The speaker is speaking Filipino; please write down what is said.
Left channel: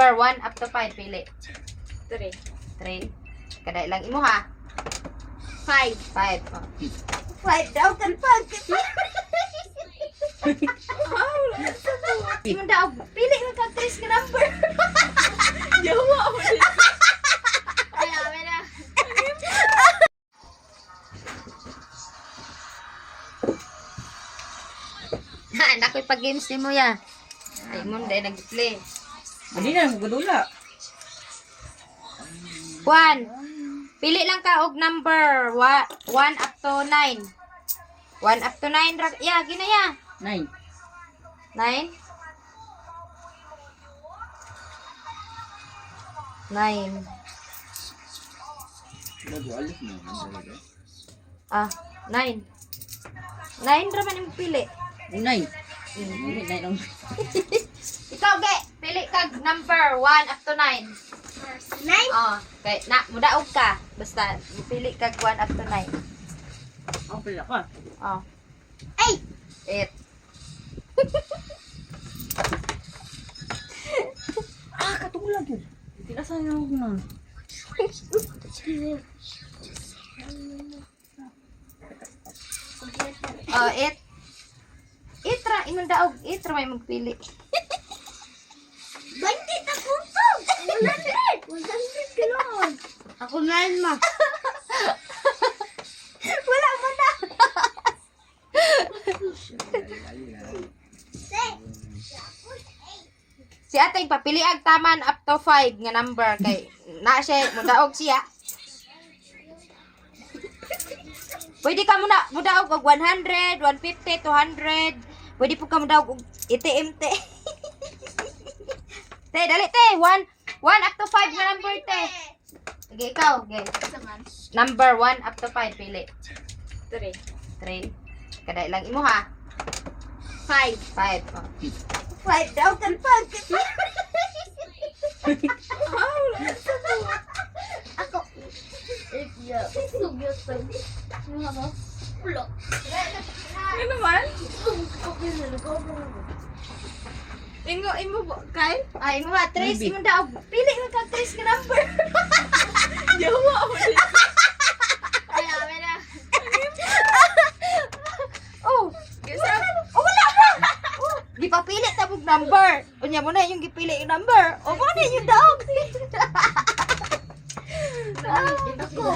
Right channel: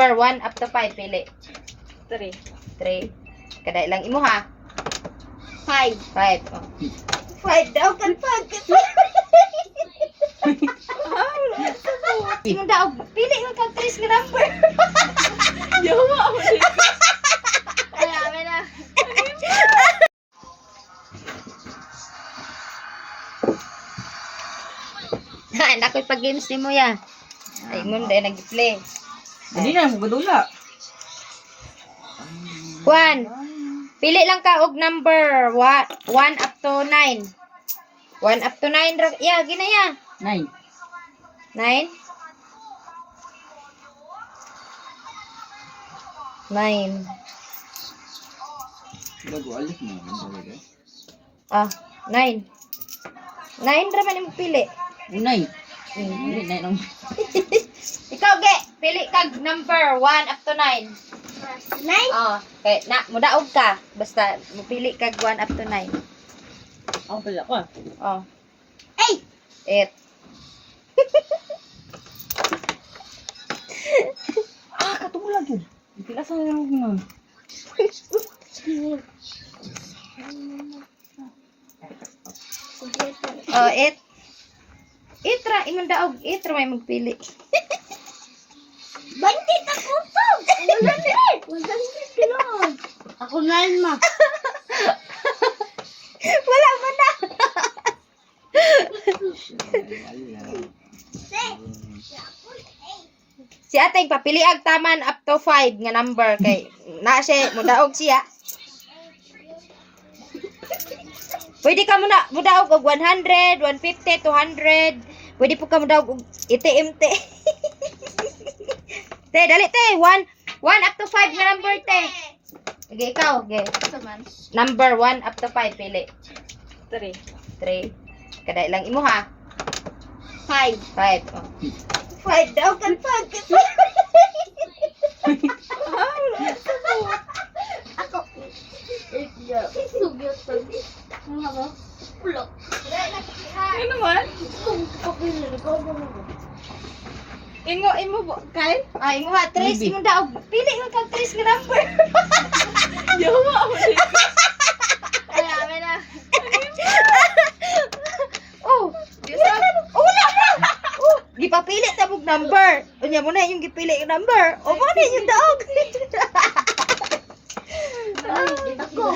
For 1 up to 5, pili. 3. 3. Kaday lang imo ha. 5. 5. Oh. 5 daw kan pag. Imo daw, pili lang kag 3 nga number. Yawa ako din. Ay, amin na. Anak ko'y pag-games ni mo ya. Ay, mo dahil nag-play. Hindi na, magdula. 1. Pili lang ka og number 1 up to 9. 1 up to 9. Ya, ginaya. 9. 9. 9. Nag-ualit mo naman. Ah, 9. 9 ra man imong pili. 9. Hindi, 9 ang... Ikaw, ge, pili kag number 1 up to 9. 9. Oh, kay na mudaog ka. Basta pili kag 1 up to 9. Ako pala ka. Oh, 8. 8. Ah, katugulag yun. Pila sa yung nun. Oh, 8. 8 ra imong daog, 8 ra may magpili. Bandit ako to. 100. 100 kilon. Ako 9 ma. Wala man na. Si ate papili ag taman up to 5 nga number kay na siya mudaog siya. Pwede ka mudaog og 100, 150, 200. Pwede po ka mudaog og iti-MT. Te, dali te. 1 up to 5 nga number te. Sige, ikaw. Okay. Number 1 up to 5 pili. 3. 3. Kaday lang imo ha. 5. 5. Oh. 5 daw kan pag. Ako. Sugyot to. Ano? Pulo. Ano naman? Imo, kay? Ay, imo ha. 3 Maybe. imo daog. Pili lang kag 3 nga number. Yawa ako din. Ay, amin na. Oh, oh, wala na. Oh, gipapili ta mong number. Unya mo na yung gipili yung number. O mo na yung daog. Ako.